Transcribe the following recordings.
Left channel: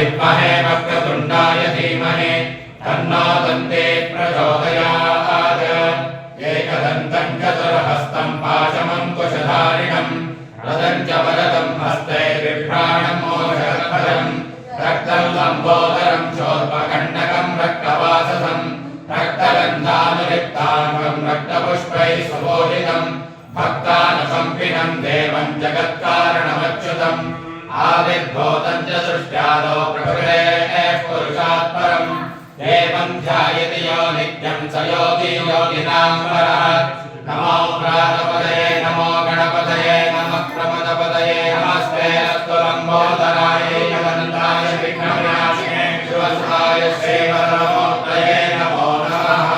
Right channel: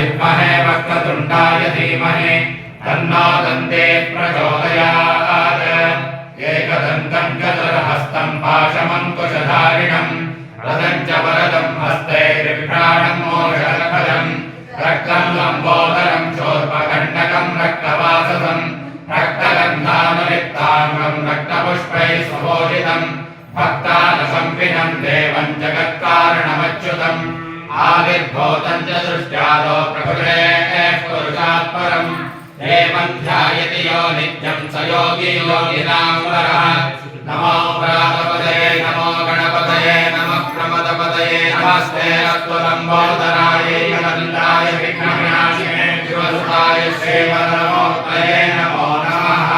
विद्महे वक्रतुण्डाय धीमहि तन्नो दन्ते प्रचोदयात् एकदन्तं चतुर्हस्तं पाशमङ्कुशधारिणं रदं च वरदं हस्ते बिभ्राणं मोक्षफलं रक्तं लम्बोदरं शोर्पकण्डकं रक्तवाससं रक्तगन्धानुलिप्ताम्रं रक्तपुष्पैः सुभूषितं भक्तानसंविनं देवं जगत्कारणमच्युतम् आविर्भूतं च सृष्ट्यादौ प्रकृतेः पुरुषात् परं देवं ध्यायति यो नित्यं स योगी योगिनां वरः नमो प्रातपदये नमो गणपतये नमः प्रमदपदये नमस्ते अस्तु लम्बोदराय यमन्ताय विघ्नविनाशिने शिवसुताय श्रीवरमूर्तये नमो नमः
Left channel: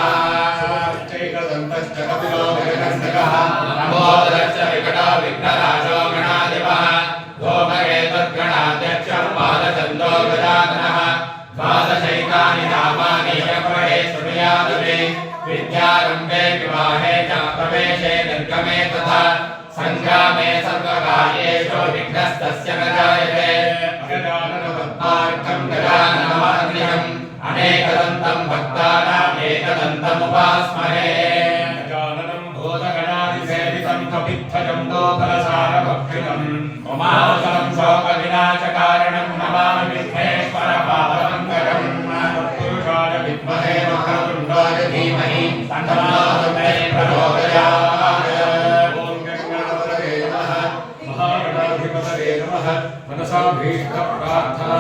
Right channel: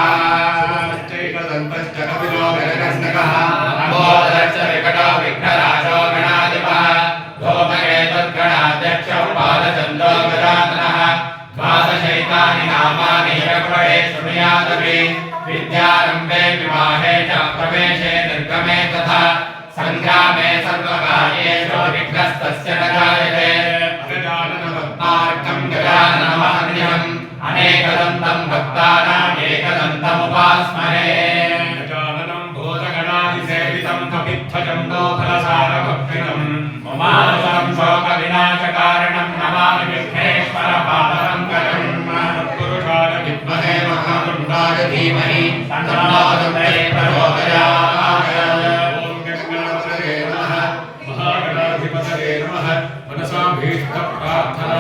चैकदन्तश्च कपिलो गगनस्तकः लम्बोदरश्च विकटो विघ्नराजो गणाधिपः धूमकेतुर्गणाध्यक्षः पादचन्दो गजाननः द्वादशैतानि नामानि यः शृणुयादपि विद्यारम्भे विवाहे च प्रवेशे निर्गमे तथा सङ्ग्रामे सर्वकार्येषु विघ्नस्तस्य न जायते अगजाननपद्मार्कं गजाननमहर्निशम् अनेकदन्तं भक्तानाम् एकदन्तमुपास्महे गजाननं भूतगणादिसेवितं कपिध्वजं दोफलसारभक्षितम् उमासुतं शोकविनाशकारणं नमामि विघ्नेश्वरपादपङ्कजम् तत्पुरुषाय विद्महे महातुण्डाय धीमहि तन्नो दन्ते प्रचोदयात् ॐ गणपतये नमः महागणाधिपतये नमः मनसा भीष्टप्रार्थना